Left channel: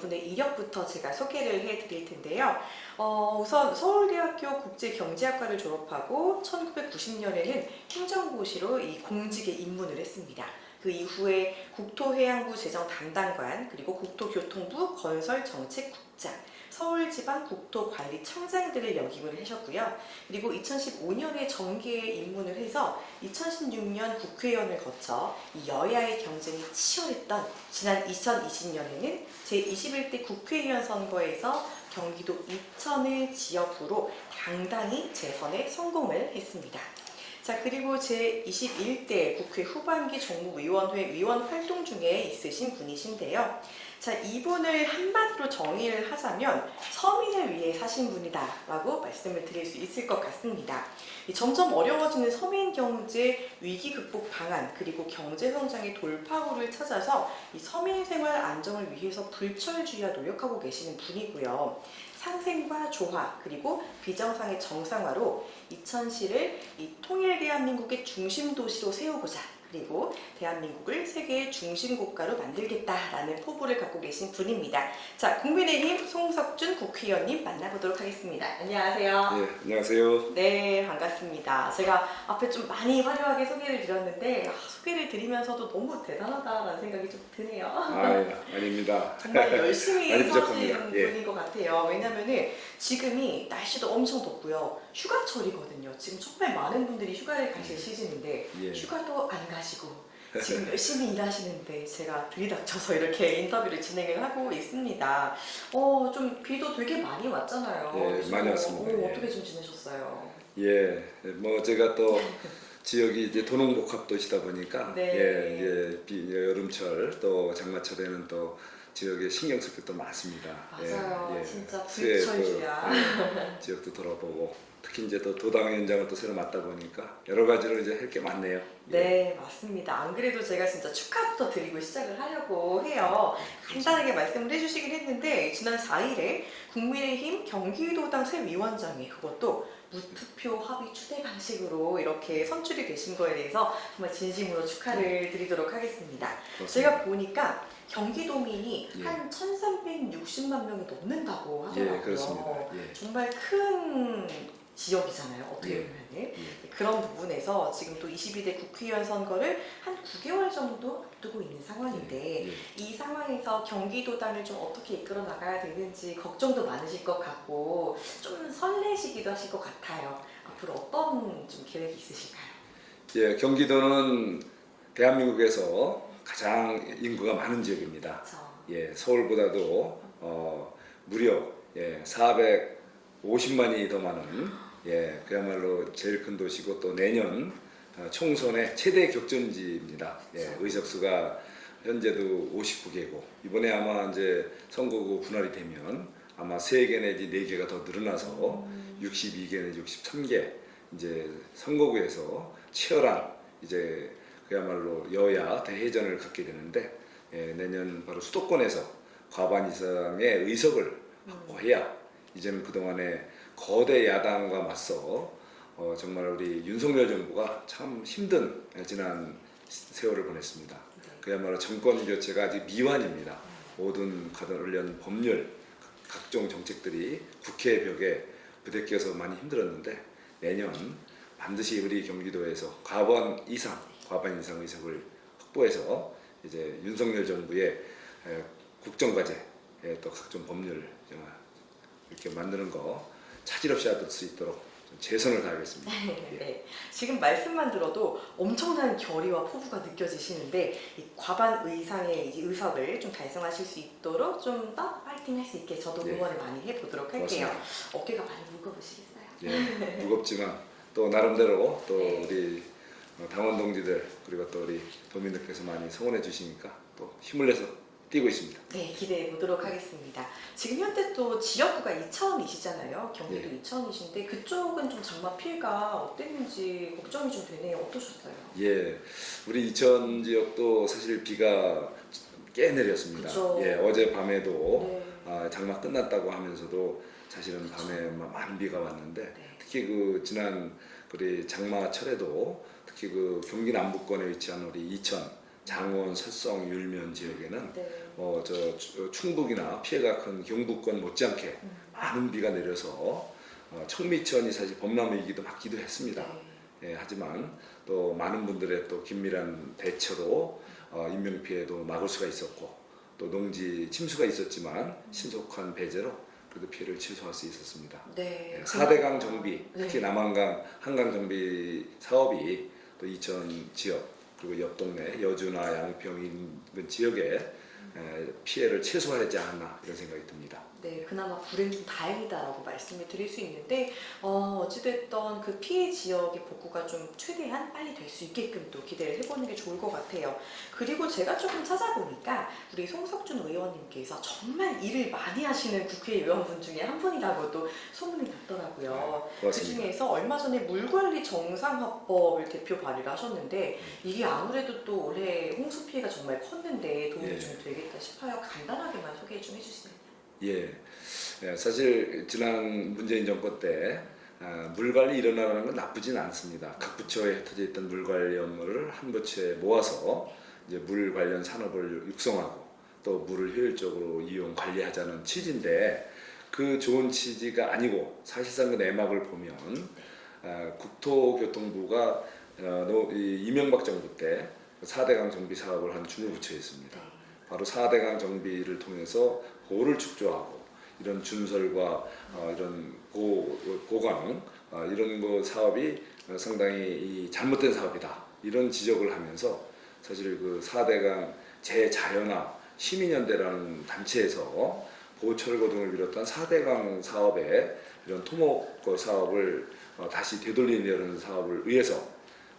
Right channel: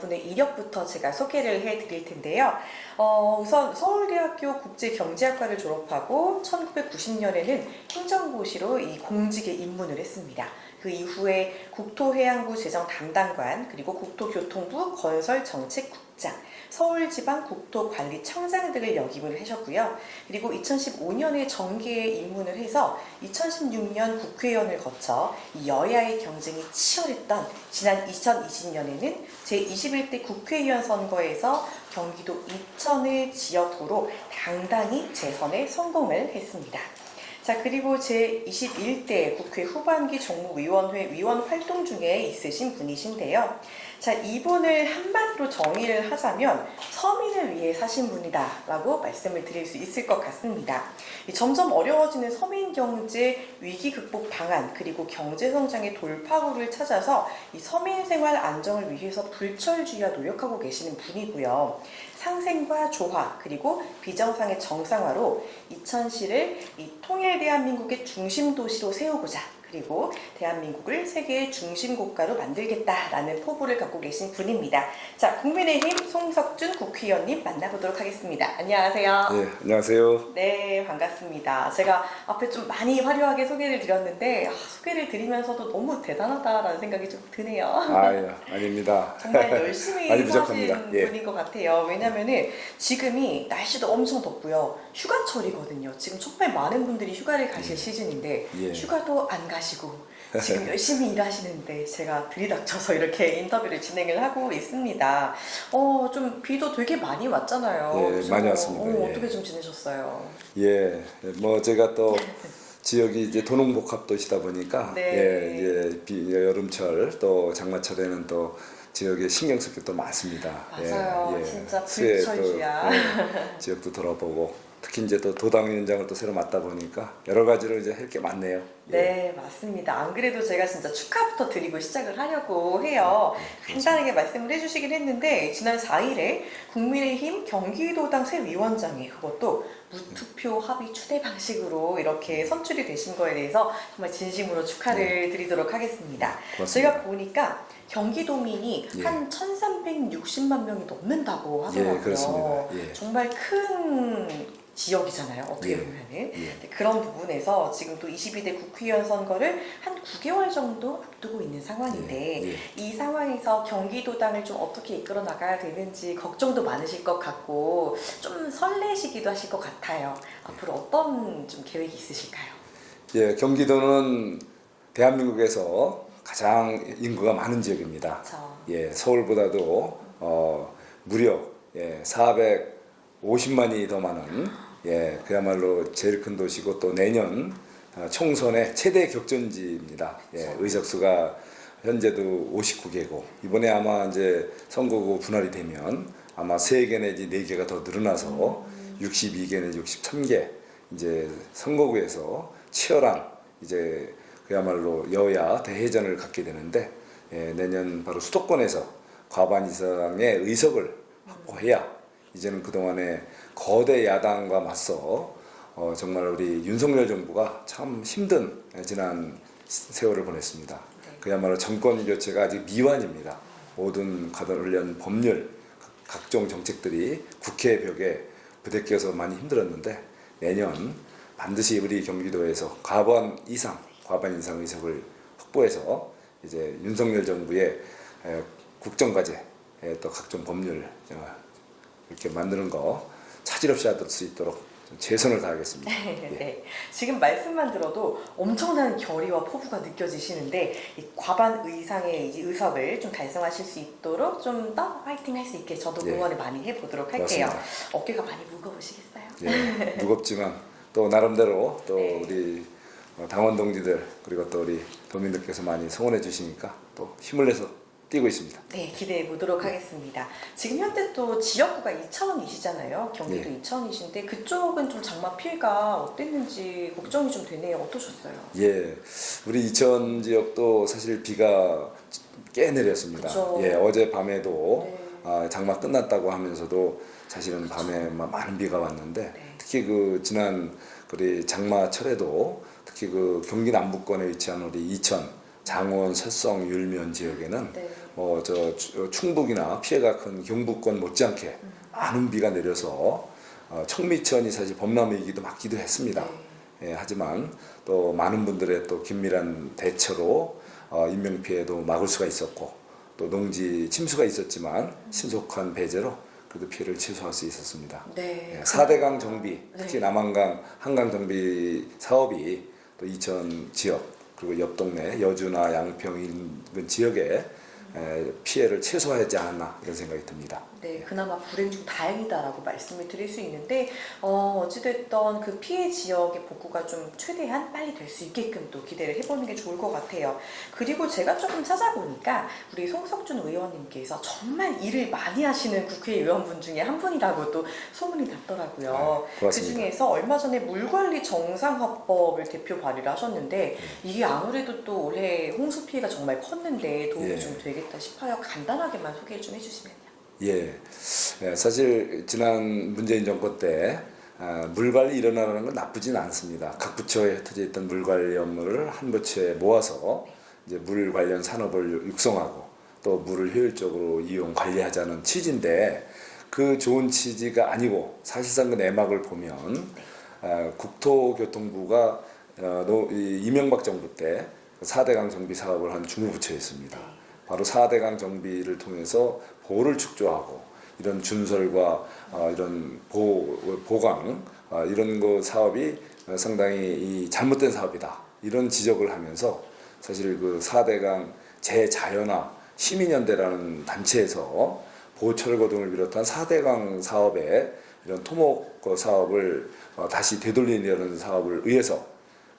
이분의 이력부터 제가 소개를 해드릴 텐데요. 우선 서울대학교 국제경제학과를 졸업하고 1990년에는 행정고시로 이 공직에 입문을 했습니다. 그 이후에 국토해양부 재정 담당관, 그리고 국토교통부 건설정책국장, 서울지방국토관리청장 등을 역임을 하셨고요. 그리고 2015년에 정계에 입문을 해서 2016년 국회의원을 거쳐 이 여야의 경쟁이 치열했던 지난 2020년에는 제21대 국회의원 선거에서 경기도 이천을 지역구로 당당히 재선에 성공을 했습니다. 자, 그리고 제21대 국회 후반기 정무위원회 위원 활동 중에 있으신 분이신데요. 자, 이분을 한마디로 정의를 하자면 서민을 위해 사신 분이다 라고 말씀을 드릴 수 있을 것 같습니다. 점점 어려워지는 서민 경제 위기 극복 방안, 그리고 경제 성장의 돌파구를 찾아서 이 서민 생활 안정을 위해서 불철주야 노력하고 계시는 분이고요. 상생과 조화, 그리고 비정상의 정상화로 이천시를 이 통일 대한민국의 중심 도시로 세우고자, 그리고 대한민국을 세계의 중심 국가로 만들겠다라는 포부를 갖고 계신 분입니다. 자, 국민의힘 송석준 국회의원님 만나보도록 하겠습니다. 안녕하세요. 네, 안녕하세요. 네, 반갑습니다. 제가 앞에 좀 많이 화려하게 소개를 드렸는데 소개를 드리면서도 너무 대단하다라는 생각이 좀 드네요. 아닙니다. 정말 열심히 많이 사신 부족합니다. 예. 분인 것 같아요. 왜냐면은 지금이 날씨도 엄청 덥고요. 휴가철이거든요. 지금 정말 많은 분들이 휴가를 가실 시즌인데 예. 휴가도 안 가시고 지금 열심히 일하시는데 제가 들이닥쳐서 이렇게 인터뷰를 진행을 하고 있습니다. 좀 비도 되게 많이 왔잖아요. 예, 그래서, 많이 왔습니다. 예. 어떻게 좀 지내셨어요? 예, 뭐 제가 또 지역이 이제 도농복합도시다 보니까 네. 여름철 또 장마철에는 또 지역에 신경 쓸 게 또 많습니다. 맞아요. 진짜 수해 불철주야. 지역도 돌아보고 특히 이제 또 도당위원장을 또 새로 맡다 보니까 여러 가지로 이제 할 게 많네요. 예. 네, 맞습니다. 안 그래도 제가 진짜 축하부터 드리고 시작을 하려고 해요. 간단하게 말씀을 해주시긴 했는데 지난 4일에 국민의힘 경기도당 새 위원장이 그것도 무투표 합의 추대 방식으로 이렇게 선출이 되신 거에 대해서 정말 진심으로 축하를 드리도록 하겠습니다. 고맙습니다. 제가 보니까 경기도민이 예. 한 1360만 명이 넘는다고 하더라고요. 예, 그렇습니다. 예. 정말 큰 지역이잖아요. 어떻게 예. 보면은. 예. 그런 부분에서 지금 또 22대 국회의원 선거를 한 9개월 정도 앞두고 있는 상황인데 예. 이 상황에서 경기도당을 좀 어떻게 이끌어 나가야 되는지 걱정도 많으실 것 같고 좀 설레시기도 하실 것 같아요. 앞으로 어떤 좀 계획이 있으실까요? 예, 경기도는 대한민국에서 가장 인구가 많은 지역입니다. 그렇죠. 예, 서울보다도 무려 450만이 더 많은 그야말로 제일 큰 도시고 또 내년 총선의 최대 격전지입니다. 예, 의석수가 현재도 59개고 이번에 아마 이제 선거구 분할이 되면 아마 3개 내지 4개가 더 늘어나서 62개 내지 63개 이제 선거구에서 치열한 이제 그야말로 여야 대회전을 갖게 되는데 내년 바로 수도권에서 과반 이상의 의석을 확보해야 이제는 그동안에 거대 야당과 맞서 정말 우리 윤석열 정부가 참 힘든 지난 세월을 보냈습니다. 그야말로 정권 교체가 아직 미완입니다. 모든 관련 법률, 각종 정책들이 국회 벽에 부대껴서 많이 힘들었는데 내년 반드시 우리 경기도에서 과반 이상 의석을 확보해서 이제 윤석열 정부의 국정과제 또 각종 법률 이렇게 만드는 거 차질 없이 할 수 있도록 최선을 다하겠습니다. 네. 지금 말씀만 들어도 엄청난 결의와 포부가 느껴지시는데 이 과반 이상의 의석을 좀 달성하실 수 있도록 좀 더 파이팅 할 수 있게 저도 응원을 많이 해보도록 할게요. 고맙습니다. 어깨가 많이 무거우시겠어요? 예, 무겁지만 또 나름대로 또 네. 우리 당원 동지들 그리고 또 우리 도민들께서 많이 성원해 주시니까 또 힘을 내서 뛰고 있습니다. 네, 기대해 보도록 하겠습니다. 지금 현재 또 지역구가 이천이시잖아요. 경기도 네. 이천이신데 그쪽은 좀 장마 피해가 어땠는지 걱정이 좀 되네요. 어떠셨어요? 예, 우리 이천 지역도 사실 비가 꽤 내렸습니다. 그쵸. 예, 어제 밤에도 네. 장마 끝났다고 하면서도 사실은 밤에 많은 비가 왔는데 네. 특히 그 지난 우리 장마철에도 특히 그 경기 남부권에 위치한 우리 이천 장원, 설성, 율면 지역에는 네. 충북이나 피해가 큰 경북권 못지않게 많은 비가 내려서 청미천이 사실 범람위기도 맞기도 했습니다. 네. 예, 하지만 또 많은 분들의 또 긴밀한 대처로 인명 피해도 막을 수가 있었고 또 농지 침수가 있었지만 신속한 배제로 그래도 피해를 최소화할 수 있었습니다. 네. 예, 4대강 정비, 특히 네. 남한강 한강 정비 사업이 또 이천 지역 그리고 옆 동네 여주나 양평 인근 지역에 피해를 최소화하지 않았나 이런 생각이 듭니다. 네, 그나마 불행 중 다행이다라고 말씀을 드릴 수 있는데 어찌됐던 그 피해 지역의 복구가 좀 최대한 빨리 될 수 있게끔 또 기대를 해보는 게 좋을 것 같아요. 그리고 제가 조금 찾아보니까 우리 송석준 의원님께서 정말 일을 많이 하시는 국회의원분 중에 한 분이라고 또 소문이 났더라고요. 네, 그 고맙습니다. 중에서 얼마 전에 물관리 정상화법을 대표 발의를 하셨는데 이게 아무래도 또 올해 홍수 피해가 정말 컸는데 도움이 예. 좀 되겠다 싶어요. 간단하게만 소개 좀 해주시면요. 예, 사실 지난 문재인 정권 때 물관리 일어나는 건 나쁘진 않습니다. 각 부처에 흩어져 있던 물관리 업무를 한 부처에 모아서 이제 물 관련 산업을 육성하고 또 물을 효율적으로 이용 관리하자는 취지인데 그 좋은 취지가 아니고 사실상 그 내막을 보면 국토교통부가 이명박 정부 때 4대강 정비 사업을 한 중부부처였습니다. 바로 4대강 정비를 통해서 보를 축조하고 이런 준설과 이런 보강 이런 거 사업이 상당히 잘못된 사업이다 이런 지적을 하면서 사실 그 4대강 재자연화 시민연대라는 단체에서 보철거 등을 비롯한 4대강 사업에 이런 토목 사업을 다시 되돌리려는 사업을 위해서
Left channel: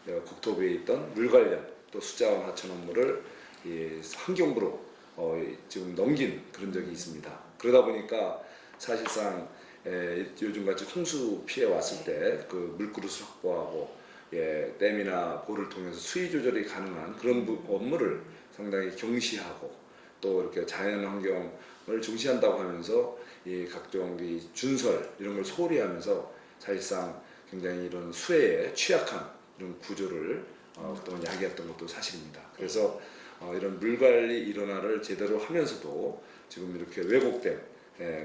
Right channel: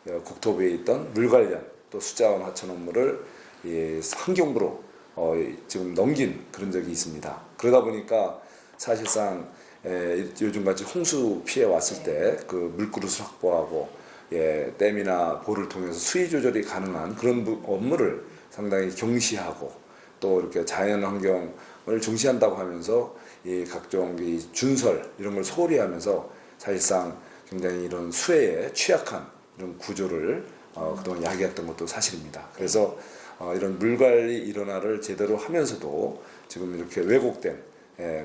국토부에 있던 물 관련 또 수자원 하천 업무를 환경부로 지금 넘긴 그런 적이 있습니다. 그러다 보니까 사실상 요즘같이 홍수 피해 왔을 때 그 물그릇을 확보하고 댐이나 보를 통해서 수위 조절이 가능한 그런 업무를 상당히 경시하고 또 이렇게 자연 환경을 중시한다고 하면서 이 각종 이 준설 이런 걸 소홀히 하면서 사실상 굉장히 이런 수해에 취약한 이런 구조를 그동안 야기했던 것도 사실입니다. 그래서 이런 물관리 일원화를 제대로 하면서도 지금 이렇게 왜곡된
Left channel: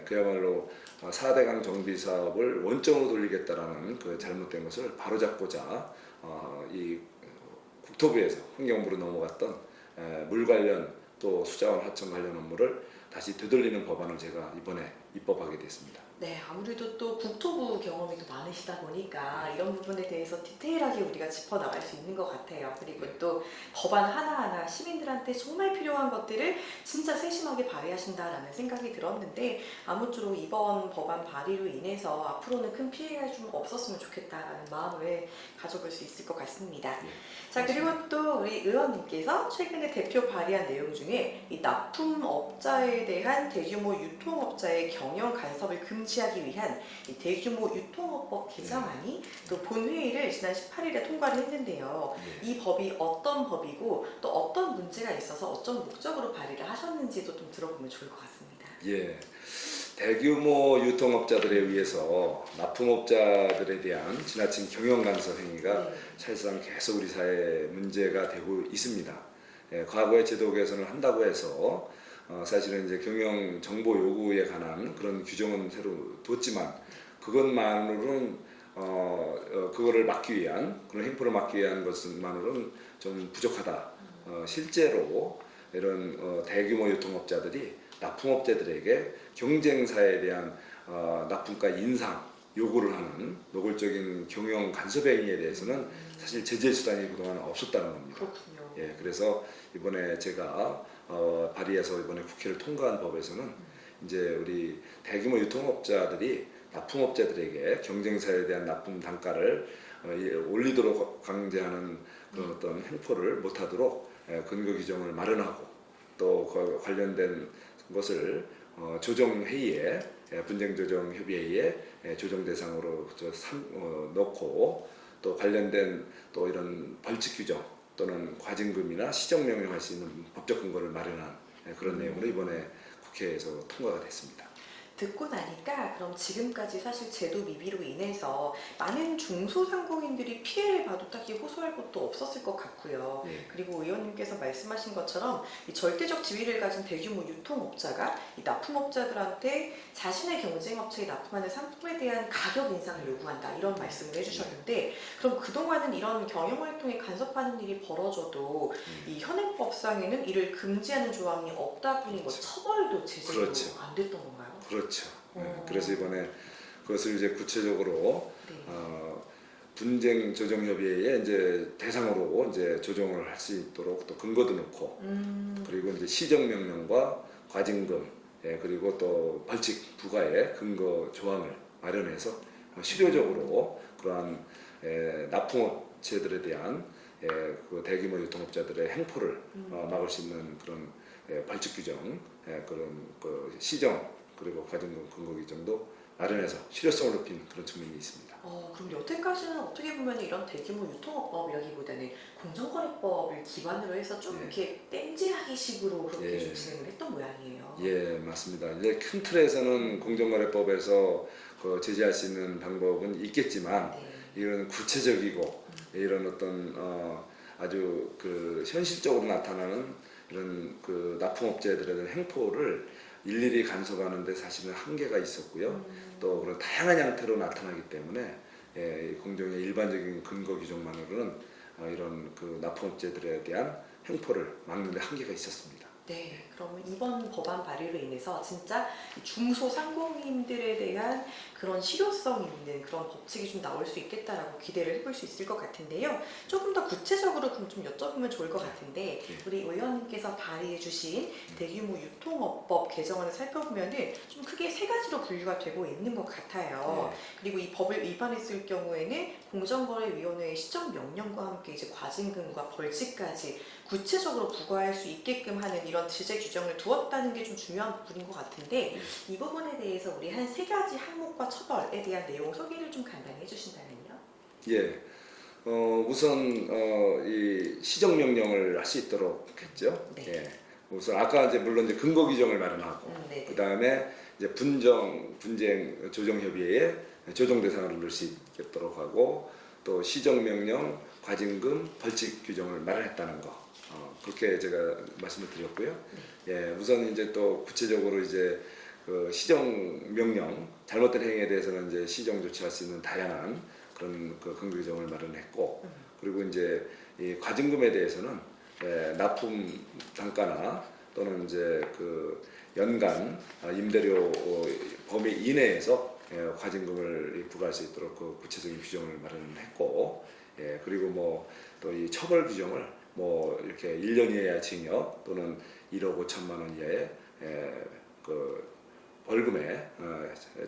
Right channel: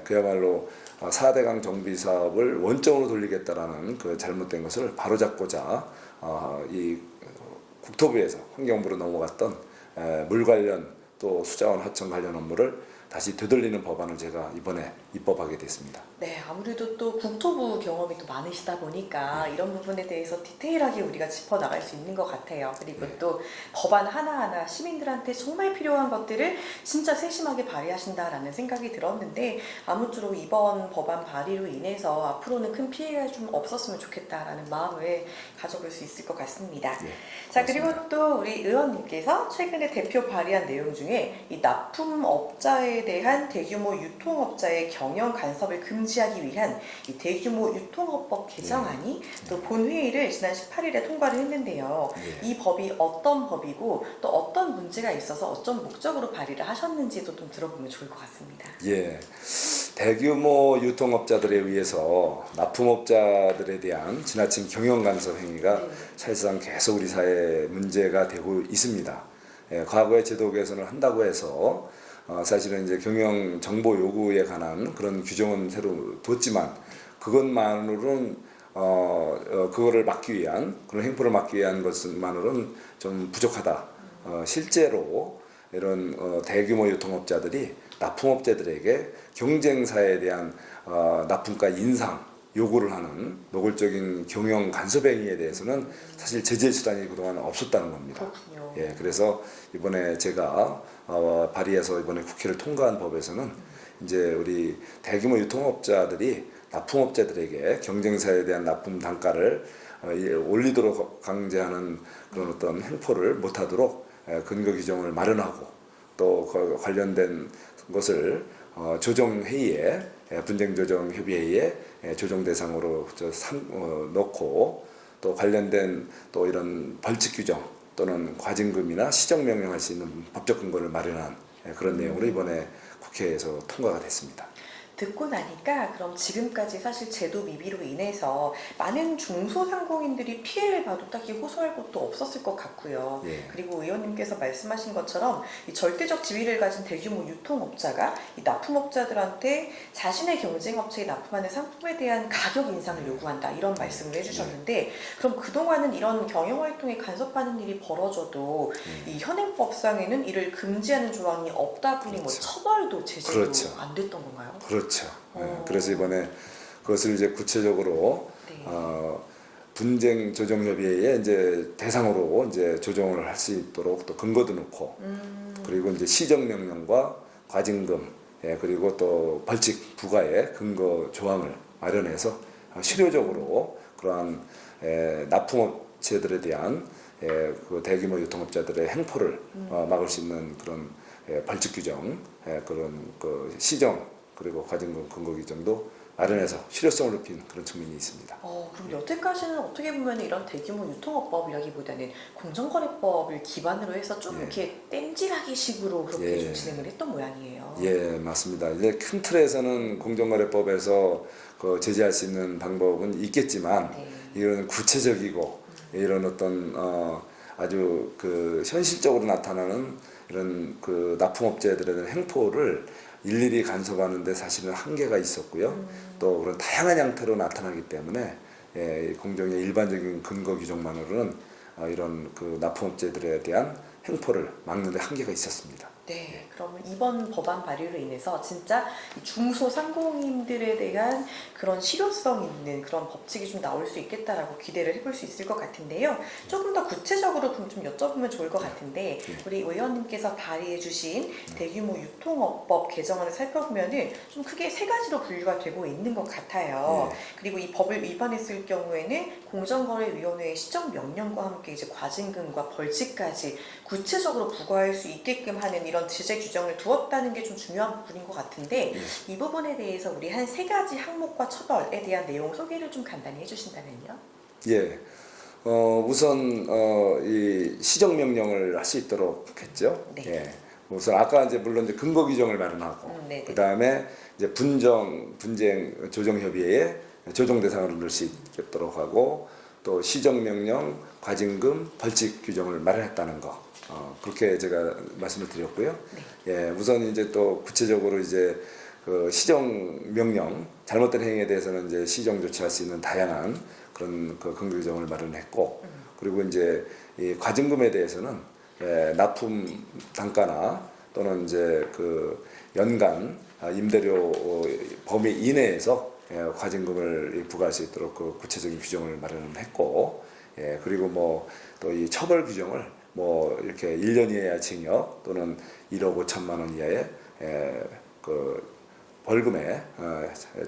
그야말로 4대강 정비 사업을 원점으로 돌리겠다라는 그 잘못된 것을 바로잡고자 이 국토부에서 환경부로 넘어갔던 물 관련 또 수자원 하천 관련 업무를 다시 되돌리는 법안을 제가 이번에 입법하게 됐습니다. 네, 아무래도 또 국토부 경험이 또 많으시다 보니까 이런 부분에 대해서 디테일하게 우리가 짚어나갈 수 있는 것 같아요. 그리고 또 법안 하나하나 시민들한테 정말 필요한 것들을 진짜 세심하게 발의하신다라는 생각이 들었는데 아무쪼록 이번 법안 발의로 인해서 앞으로는 큰 피해가 좀 없었으면 좋겠다라는 마음을 가져볼 수 있을 것 같습니다. 자, 그리고 또 우리 의원님께서 최근에 대표 발의한 내용 중에 이 납품업자에 대한 대규모 유통업자의 경영 간섭을 금지하기 위한 이 대규모 유통업법 개정안이 또 본회의를 지난 18일에 통과를 했는데요. 이 법이 어떤 법이고 또 어떤 문제가 있어서 어떤 목적으로 발의를 하셨는지도 좀 들어보면 좋을 것 같습니다. 예, 대규모 유통업자들에 의해서 납품업자들에 대한 지나친 경영 간섭 행위가 사실상 계속 우리 사회에 문제가 되고 있습니다. 과거의 제도 개선을 한다고 해서 사실은 이제 경영 정보 요구에 관한 그런 규정은 새로 뒀지만 그것만으로는 그거를 막기 위한 그런 행포를 막기 위한 것만으로는 좀 부족하다. 실제로 이런 대규모 유통업자들이 납품업체들에게 경쟁사에 대한 납품가 인상 요구를 하는 노골적인 경영 간섭 행위에 대해서는 사실 제재 수단이 그동안 없었다는 겁니다. 그렇군요. 예, 그래서 이번에 제가 발의해서 이번에 국회를 통과한 법에서는 이제 우리 대규모 유통업자들이 납품업체들에게 경쟁사에 대한 납품 단가를 올리도록 강제하는 그런 어떤 행포를 못하도록 근거 규정을 마련하고 또 관련된 것을 조정회의에 분쟁조정협의회에 조정 대상으로 넣고 또 관련된 또 이런 벌칙 규정 또는 과징금이나 시정명령할 수 있는 법적 근거를 마련한 그런 내용으로 이번에 국회에서 통과가 됐습니다. 듣고 나니까 그럼 지금까지 사실 제도 미비로 인해서 많은 중소상공인들이 피해를 봐도 딱히 호소할 곳도 없었을 것 같고요. 예. 그리고 의원님께서 말씀하신 것처럼 이 절대적 지위를 가진 대규모 유통업자가 이 납품업자들한테 자신의 경쟁업체에 납품하는 상품에 대한 가격 인상을 요구한다 이런 말씀을 해주셨는데 그럼 그동안은 이런 경영활동에 간섭하는 일이 벌어져도 이 현행법상에는 이를 금지하는 조항이 없다 보니 뭐 그렇죠. 처벌도 제재도 그렇죠. 안 됐던 건가요? 그렇죠. 어. 그래서 이번에 그것을 이제 구체적으로 네. 분쟁 조정 협의회에 이제 대상으로 이제 조정을 할 수 있도록 또 근거도 넣고 그리고 이제 시정 명령과 과징금 그리고 또 벌칙 부과의 근거 조항을 마련해서 실효적으로 그러한 납품업체들에 대한 그 대규모 유통업자들의 행포를 막을 수 있는 그런 벌칙 규정, 그런 그 시정 그리고 과징금 근거 규정도 마련해서 실효성을 높인 그런 측면이 있습니다. 그럼 여태까지는 어떻게 보면 이런 대규모 유통업법이라기보다는 공정거래법을 기반으로 해서 좀 예. 이렇게 땜질하기 식으로 그렇게 예. 좀 진행을 했던 모양이에요. 예, 맞습니다. 이제 큰 틀에서는 공정거래법에서 그 제재할 수 있는 방법은 있겠지만 네. 이런 구체적이고 이런 어떤 아주 그 현실적으로 나타나는 이런 그 납품업체들에 대한 행포를 일일이 간섭하는데 사실은 한계가 있었고요. 또 그런 다양한 형태로 나타나기 때문에 공정의 일반적인 근거 규정만으로는 이런 그 납품업체들에 대한 행포를 막는 데 한계가 있었습니다. 네, 그러면 이번 법안 발의로 인해서 진짜 중소상공인들에 대한 그런 실효성 있는 그런 법칙이 좀 나올 수 있겠다라고 기대를 해볼 수 있을 것 같은데요. 조금 더 구체적으로 그럼 좀 여쭤보면 좋을 것 같은데 우리 의원님께서 발의해주신 대규모 유통업법 개정안을 살펴보면은 좀 크게 세 가지로 분류가 되고 있는 것 같아요. 그리고 이 법을 위반했을 경우에는 공정거래위원회의 시정 명령과 함께 이제 과징금과 벌칙까지 구체적으로 부과할 수 있게끔 하는 이런 제재 규정을 두었다는 게 좀 중요한 부분인 것 같은데 이 부분에 대해서 우리 한 세 가지 항목과 처벌에 대한 내용 소개를 좀 간단히 해주신다면요. 예. 우선 이 시정 명령을 할 수 있도록 했죠. 네. 예. 우선 아까 이제 물론 이제 근거 규정을 마련하고 네. 그 다음에 이제 분쟁 조정 협의회에 조정 대상으로 넣을 수 있도록 하고 또 시정 명령, 과징금, 벌칙 규정을 마련했다는 거. 그렇게 제가 말씀을 드렸고요. 예, 우선 이제 또 구체적으로 이제 그 시정 명령 잘못된 행위에 대해서는 이제 시정 조치할 수 있는 다양한 그런 그 근거 규정을 마련했고 그리고 이제 이 과징금에 대해서는 납품 단가나 또는 이제 그 연간 임대료 범위 이내에서 과징금을 부과할 수 있도록 그 구체적인 규정을 마련했고 그리고 뭐 또 이 처벌 규정을 뭐 이렇게 1년 이하의 징역 또는 1억 5천만 원 이하의 그 벌금에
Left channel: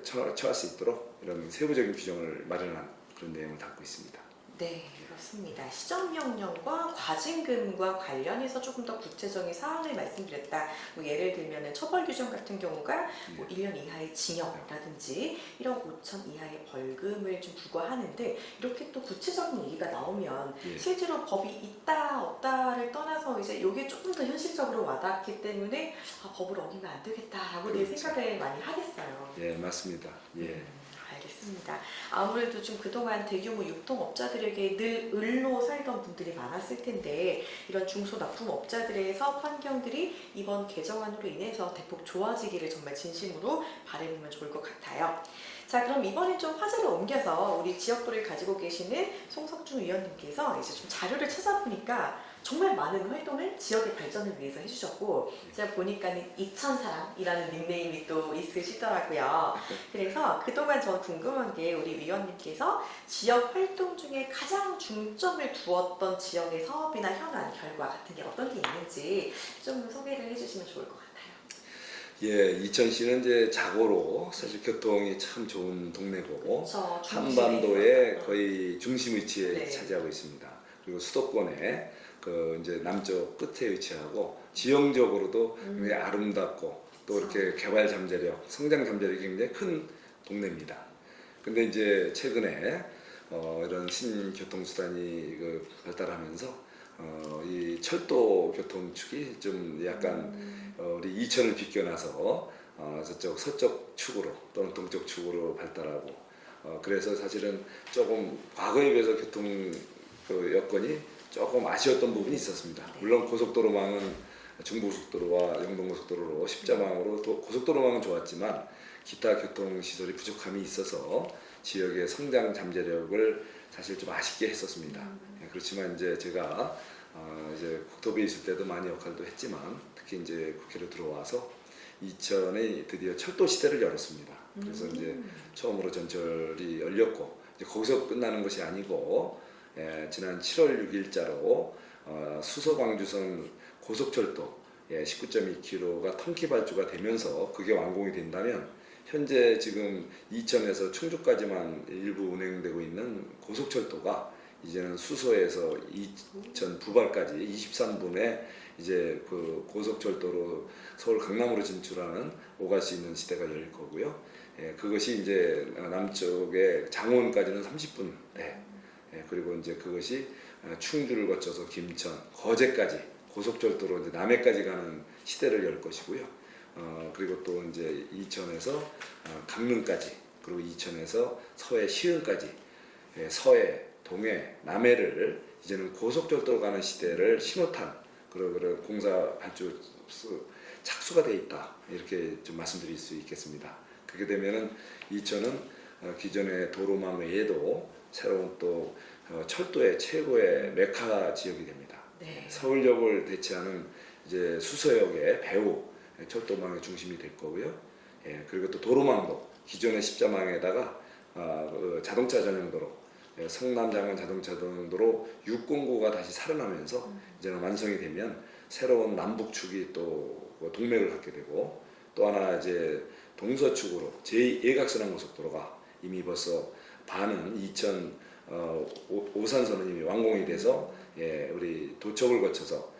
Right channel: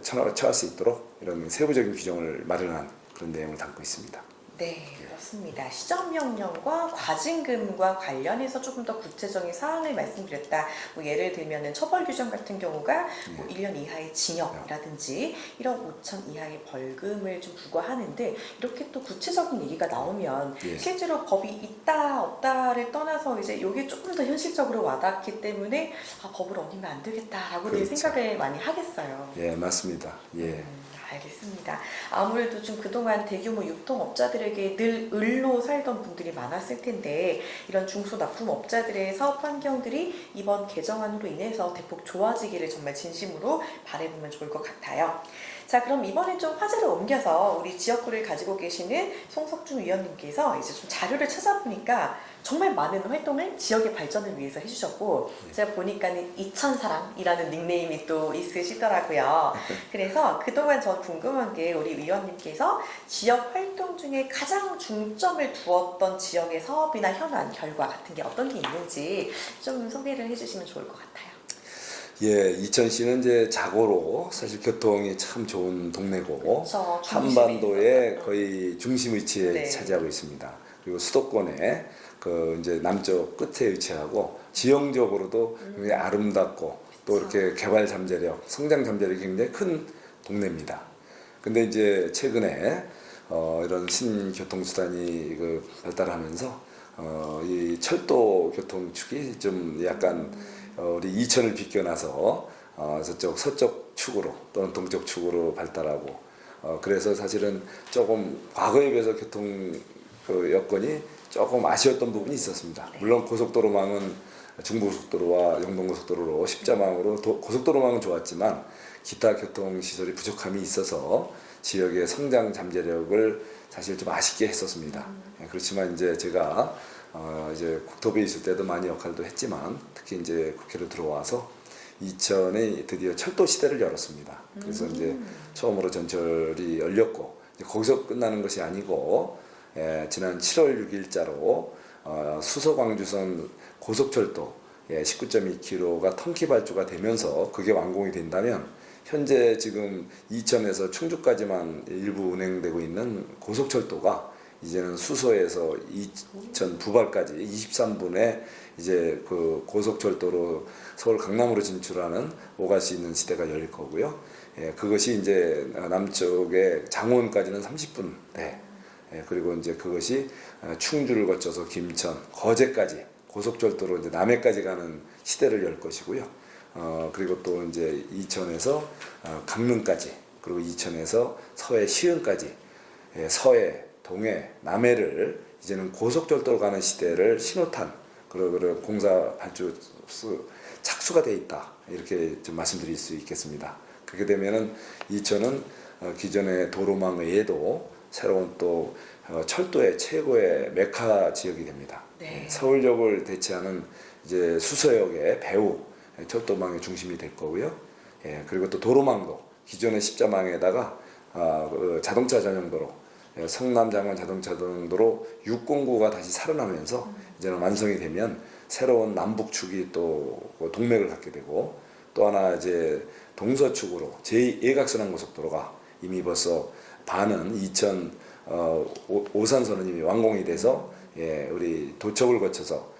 처할 수 있도록 이런 세부적인 규정을 마련한 그런 내용을 담고 있습니다. 네, 그렇습니다. 시정명령과 과징금과 관련해서 조금 더 구체적인 사항을 말씀드렸다. 뭐 예를 들면 처벌 규정 같은 경우가 뭐 1년 이하의 징역이라든지 1억 5천 이하의 벌금을 좀 부과하는데 이렇게 또 구체적인 얘기가 나오면 실제로 법이 있다 없다를 떠나서 이제 이게 조금 더 현실적으로 와닿기 때문에 법을 어기면 안 되겠다라고 그렇죠. 생각을 많이 하겠어요. 예, 맞습니다. 예. 알겠습니다. 아무래도 좀 그동안 대규모 유통업자들에게 늘 을로 살던 분들이 많았을 텐데 이런 중소납품업자들의 사업 환경들이 이번 개정안으로 인해서 대폭 좋아지기를 정말 진심으로 바라보면 좋을 것 같아요. 자, 그럼 이번에 좀 화제를 옮겨서 우리 지역구를 가지고 계시는 송석준 위원님께서 이제 좀 자료를 찾아보니까 정말 많은 활동을 지역의 발전을 위해서 해주셨고 제가 보니까는 이천사랑이라는 닉네임이 또 있으시더라고요. 그래서 그동안 저 궁금한 게 우리 위원님께서 지역 활동 중에 가장 중점을 두었던 지역의 사업이나 현안, 결과 같은 게 어떤 게 있는지 좀 소개를 해주시면 좋을 것 같아요. 예, 이천시는 이제 자고로 사실 교통이 참 좋은 동네고 그쵸, 한반도의 거의 중심 위치에 네. 차지하고 있습니다. 그리고 수도권에 그 이제 남쪽 끝에 위치하고 지형적으로도 굉장히 아름답고 또 이렇게 개발 잠재력, 성장 잠재력이 굉장히 큰 동네입니다. 근데 이제 최근에 이런 신교통수단이 그 발달하면서 이 철도 교통축이 좀 약간 우리 이천을 비껴나서 저쪽 서쪽 축으로 또는 동쪽 축으로 발달하고 그래서 사실은 조금 과거에 비해서 교통 그 여건이 조금 아쉬웠던 부분이 있었습니다. 물론 고속도로망은 중부고속도로와 영동고속도로로 십자망으로 고속도로망은 좋았지만 기타 교통시설이 부족함이 있어서 지역의 성장 잠재력을 사실 좀 아쉽게 했었습니다. 그렇지만 이제 제가 이제 국토부에 있을 때도 많이 역할도 했지만 특히 이제 국회로 들어와서 2000에 드디어 철도 시대를 열었습니다. 그래서 이제 처음으로 전철이 열렸고 이제 거기서 끝나는 것이 아니고 지난 7월 6일자로 수서광주선 고속철도 19.2km가 통기 발주가 되면서 그게 완공이 된다면 현재 지금 이천에서 충주까지만 일부 운행되고 있는 고속철도가 이제는 수서에서 이천 부발까지 23분에 이제 그 고속철도로 서울 강남으로 진출하는 오갈 수 있는 시대가 열릴 거고요. 그것이 이제 남쪽의 장원까지는 30분 대. 그리고 이제 그것이 충주를 거쳐서 김천, 거제까지 고속철도로 이제 남해까지 가는 시대를 열 것이고요. 그리고 또 이제 이천에서 강릉까지, 그리고 이천에서 서해 시흥까지, 서해, 동해, 남해를 이제는 고속철도로 가는 시대를 신호탄, 그리고 공사 발주 착수가 돼 있다, 이렇게 좀 말씀드릴 수 있겠습니다. 그렇게 되면은 이천은 기존의 도로망 외에도 새로운 또 철도의 최고의 메카 지역이 됩니다. 네. 서울역을 대체하는 이제 수서역의 배후 철도망의 중심이 될 거고요. 그리고 또 도로망도 기존의 십자망에다가 자동차 전용도로, 성남 장안 자동차 전용도로 609가 다시 살아나면서 이제는 완성이 되면 새로운 남북축이 또 동맥을 갖게 되고, 또 하나 이제 동서축으로 제2예각선항 고속도로가 이미 벌써 반은 이천 오산선은 이미 완공이 돼서 우리 도척을 거쳐서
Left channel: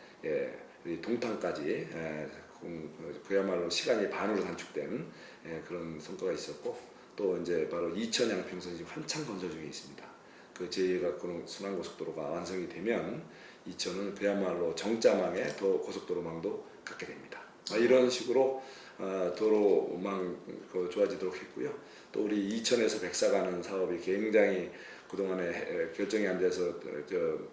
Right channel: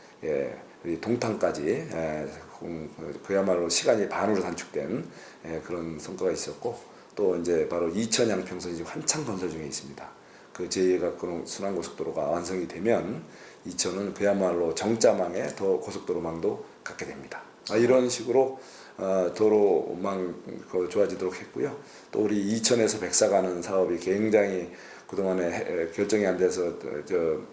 우리 동탄까지 그야말로 시간이 반으로 단축된 그런 성과가 있었고, 또 이제 바로 이천 양평선이 지금 한창 건설 중에 있습니다. 그 제2예각 순환고속도로가 완성이 되면 이천은 그야말로 정자망의 더 고속도로망도 갖게 됩니다. 이런 식으로 도로망 좋아지도록 했고요. 또 우리 이천에서 백사 가는 사업이 굉장히 그동안에 결정이 안 돼서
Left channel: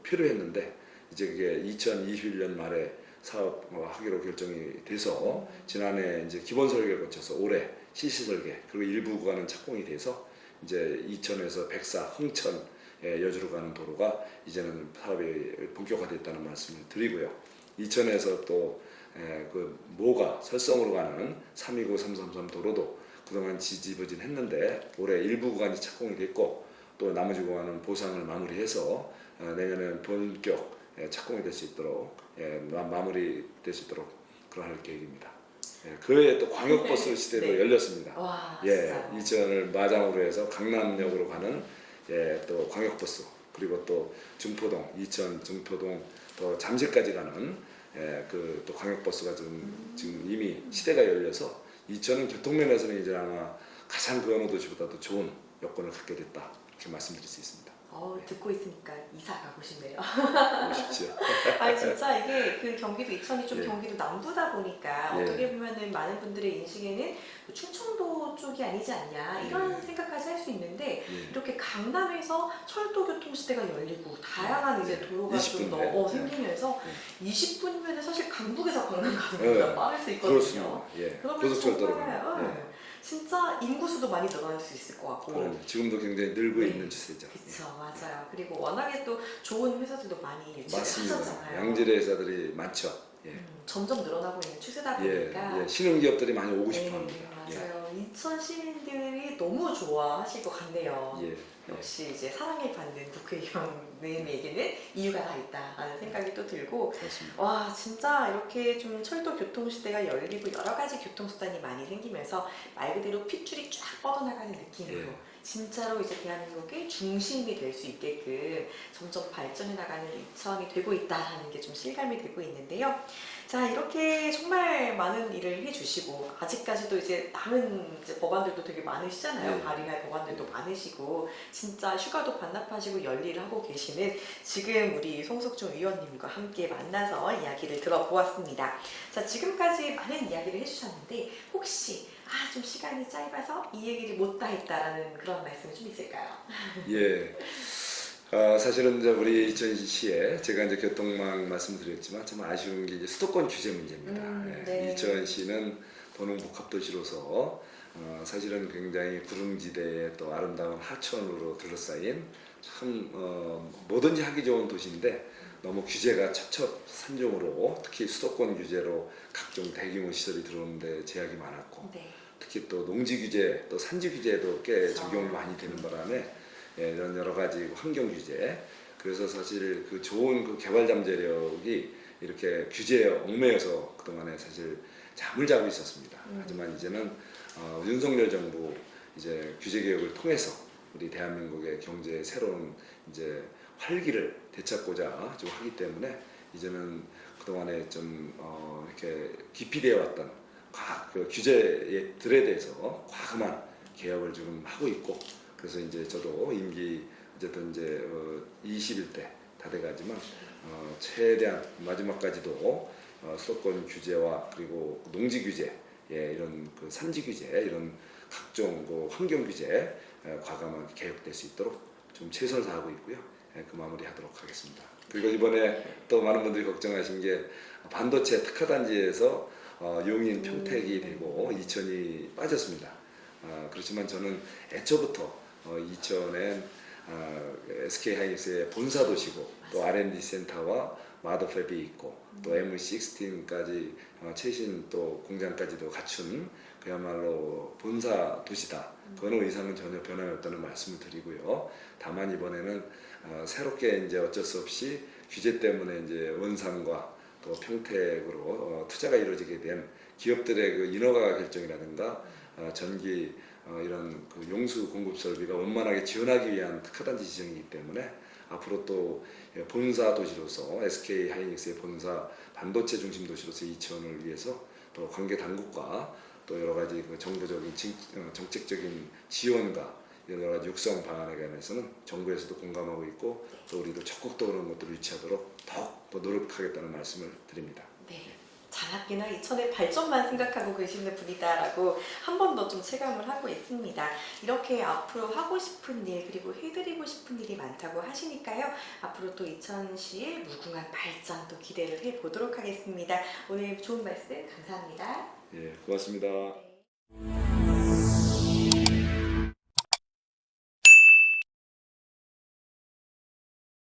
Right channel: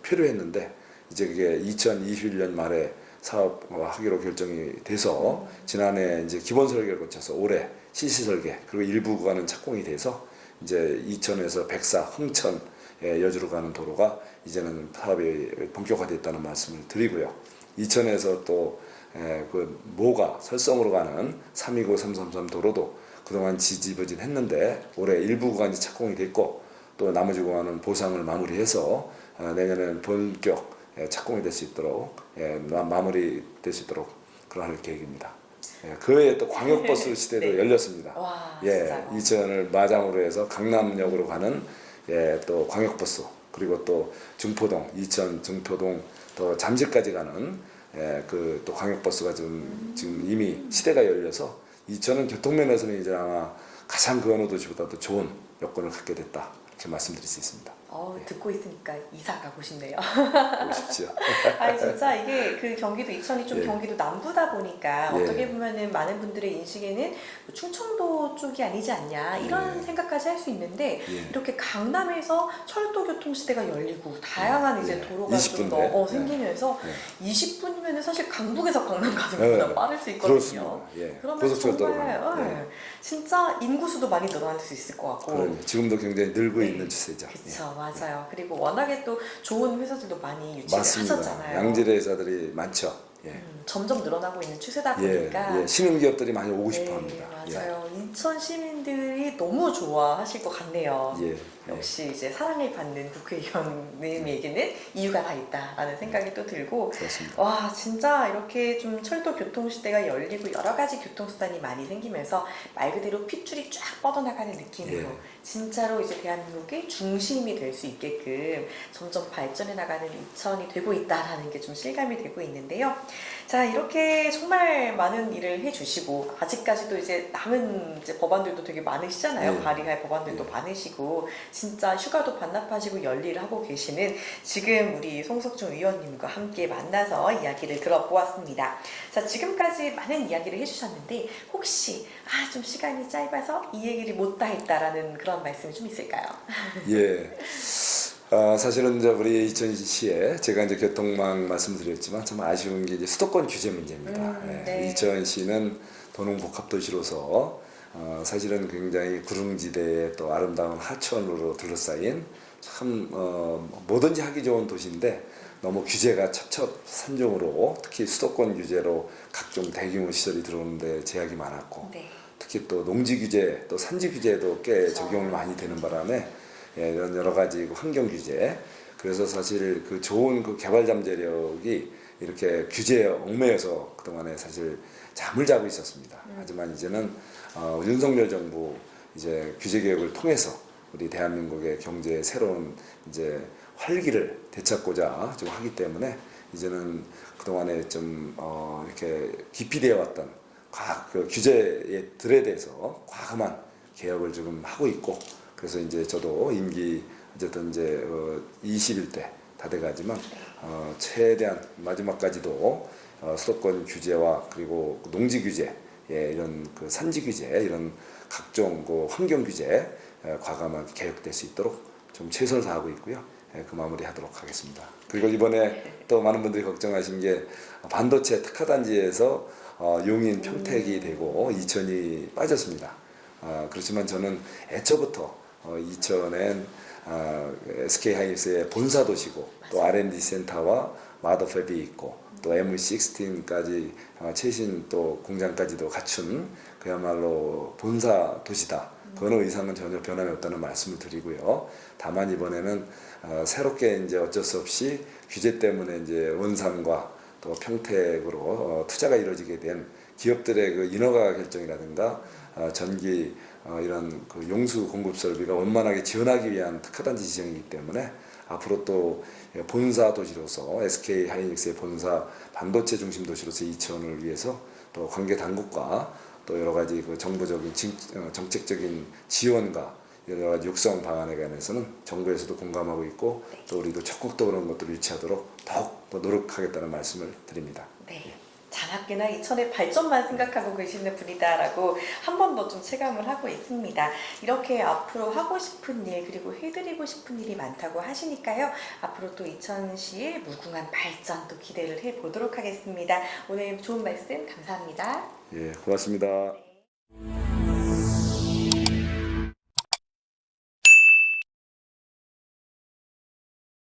필요했는데, 이제 그게 2021년 말에 사업하기로 결정이 돼서 지난해 이제 기본 설계를 거쳐서 올해 실시 설계, 그리고 일부 구간은 착공이 돼서 이제 이천에서 백사, 흥천, 여주로 가는 도로가 이제는 사업이 본격화됐다는 말씀을 드리고요. 이천에서 또 그 모가 설성으로 가는 329, 333 도로도 그동안 지지부진했는데 올해 일부 구간이 착공이 됐고, 또 나머지 구간은 보상을 마무리해서 내년에 본격 착공이 될 수 있도록 마무리될 수 있도록 그러할 계획입니다. 그 외에 또 광역버스 시대도 네. 열렸습니다. 와, 이천을 마장으로 해서 강남역으로 가는 또 광역버스, 그리고 또 중포동, 이천 중포동 또 잠실까지 가는 그 또 광역버스가 지금 이미 시대가 열려서 이천은 교통면에서는 이제 아마 가장 그 어느 도시보다도 좋은 여건을 갖게 됐다, 이렇게 말씀드릴 수 있습니다. 듣고 있으니까 이사 가고 싶네요. 오십시오. 아니 진짜 이게 그 경기도 이천이 좀 경기도 남부다 보니까 예. 어떻게 보면은 많은 분들의 인식에는 뭐 충청도 쪽이 아니지 않냐 이런 생각까지 할 수 있는데, 이렇게 강남에서 철도 교통 시대가 열리고 다양한 이제 도로가 좀 더 생기면서 20분이면 사실 강북에서 강남 가는 것보다 빠를 수 있거든요. 그렇습니다. 그러면 정말 진짜 인구수도 많이 늘어날 수 있을 것 같고. 지금도 굉장히 늘고 있는 추세죠. 그렇죠, 맞아요. 그리고 워낙에 또 좋은 회사들도 많이 유치를 맞습니다. 하셨잖아요. 양질의 회사들이 많죠. 점점 늘어나고 있는 추세다 보니까 신흥 기업들이 많이 오고 싶어합니다. 맞아요. 이천 시민들이 너무 좋아하실 것 같네요. 역시 이제 사랑을 받는 국회의원님에게는 이유가 다 있다라는 생각이 또 들고, 그렇습니다. 와 진짜 이렇게 좀 철도 교통 시대가 열리고 여러 가지 교통수단이 많이 생기면서 말 그대로 핏줄이 쫙 뻗어나가는 느낌으로 진짜로 이제 대한민국의 중심이 될 수 있게끔 점점 발전해 나가는 이천이 되고 있다라는 게 좀 실감이 되고 있는데요. 자, 이렇게 정말 많은 일을 해주시고 아직까지도 이제 남은 이제 법안들도 되게 많으시잖아요. 발의할 법안들도 많으시고 진짜 휴가도 반납하시고 열일을 하고 계시는 지금 우리 송석준 위원님과 함께 만나서 이야기를 들어보았습니다. 자, 지금까지 많은 이야기를 해주셨는데 혹시 좀 시간이 짧아서 이 얘기를 못다 했다라는 그런 말씀이 좀 있을까요? 예. 사실은 이제 우리 이천시에 제가 이제 교통망 말씀드렸지만 참 아쉬운 게 이제 수도권 규제 문제입니다. 네. 이천시는 도농복합도시로서 사실은 굉장히 구릉지대에 또 아름다운 하천으로 둘러싸인 참 뭐든지 하기 좋은 도시인데 너무 규제가 첩첩산중으로 특히 수도권 규제로 각종 대규모 시설이 들어오는데 제약이 많았고 네. 특히 또 농지 규제 또 산지 규제도 꽤 그렇죠. 적용이 많이 되는 바람에 이런 여러 가지 환경 규제 그래서 사실 그 좋은 그 개발 잠재력이 이렇게 규제에 얽매여서 그동안에 사실 잠을 자고 있었습니다. 하지만 이제는 윤석열 정부 이제 규제 개혁을 통해서 우리 대한민국의 경제의 새로운 이제 활기를 되찾고자 좀 하기 때문에 이제는 그동안에 좀 이렇게 기피되어 왔던 그 규제들에 대해서 과감한 개혁을 지금 하고 있고 그래서 이제 저도 임기 어쨌든 이제 21대 다 돼가지만 최대한 마지막까지도 수도권 규제와 그리고 농지 규제 이런 그 산지 규제 이런 각종 그 환경 규제 과감하게 개혁될 수 있도록 좀 최선을 다하고 있고요. 그 마무리하도록 하겠습니다. 그리고 이번에 또 많은 분들이 걱정하신 게 반도체 특화단지에서 용인 평택이 되고 이천이 빠졌습니다. 그렇지만 저는 애초부터 이천엔 SK하이닉스의 본사 도시고 또 R&D 센터와 마더팹이 있고 또 M16까지 최신 또 공장까지도 갖춘 그야말로 본사 도시다. 그 어느 이상은 전혀 변함이 없다는 말씀을 드리고요. 다만 이번에는 새롭게 이제 어쩔 수 없이 규제 때문에 이제 원산과 또 평택으로 투자가 이루어지게 된 기업들의 그 인허가 결정이라든가 전기 이런 그 용수 공급 설비가 원만하게 지원하기 위한 특화단지 지정이기 때문에 앞으로 또 본사 도시로서 SK 하이닉스의 본사 반도체 중심 도시로서 이천을 위해서 또 관계 당국과 또 여러 가지 그 정부적인 정책적인 지원과 여러 가지 육성 방안에 관해서는 정부에서도 공감하고 있고 또 우리도 적극적으로 그런 것들을 유치하도록 더욱 더 노력하겠다는 말씀을 드립니다. 네. 장학계나 이천의 발전만 생각하고 계시는 분이다라고 한 번 더 좀 체감을 하고 있습니다. 이렇게 앞으로 하고 싶은 일 그리고 해드리고 싶은 일이 많다고 하시니까요. 앞으로 또 이천시의 무궁한 발전 또 기대를 해보도록 하겠습니다. 오늘 좋은 말씀 감사합니다. 예, 고맙습니다.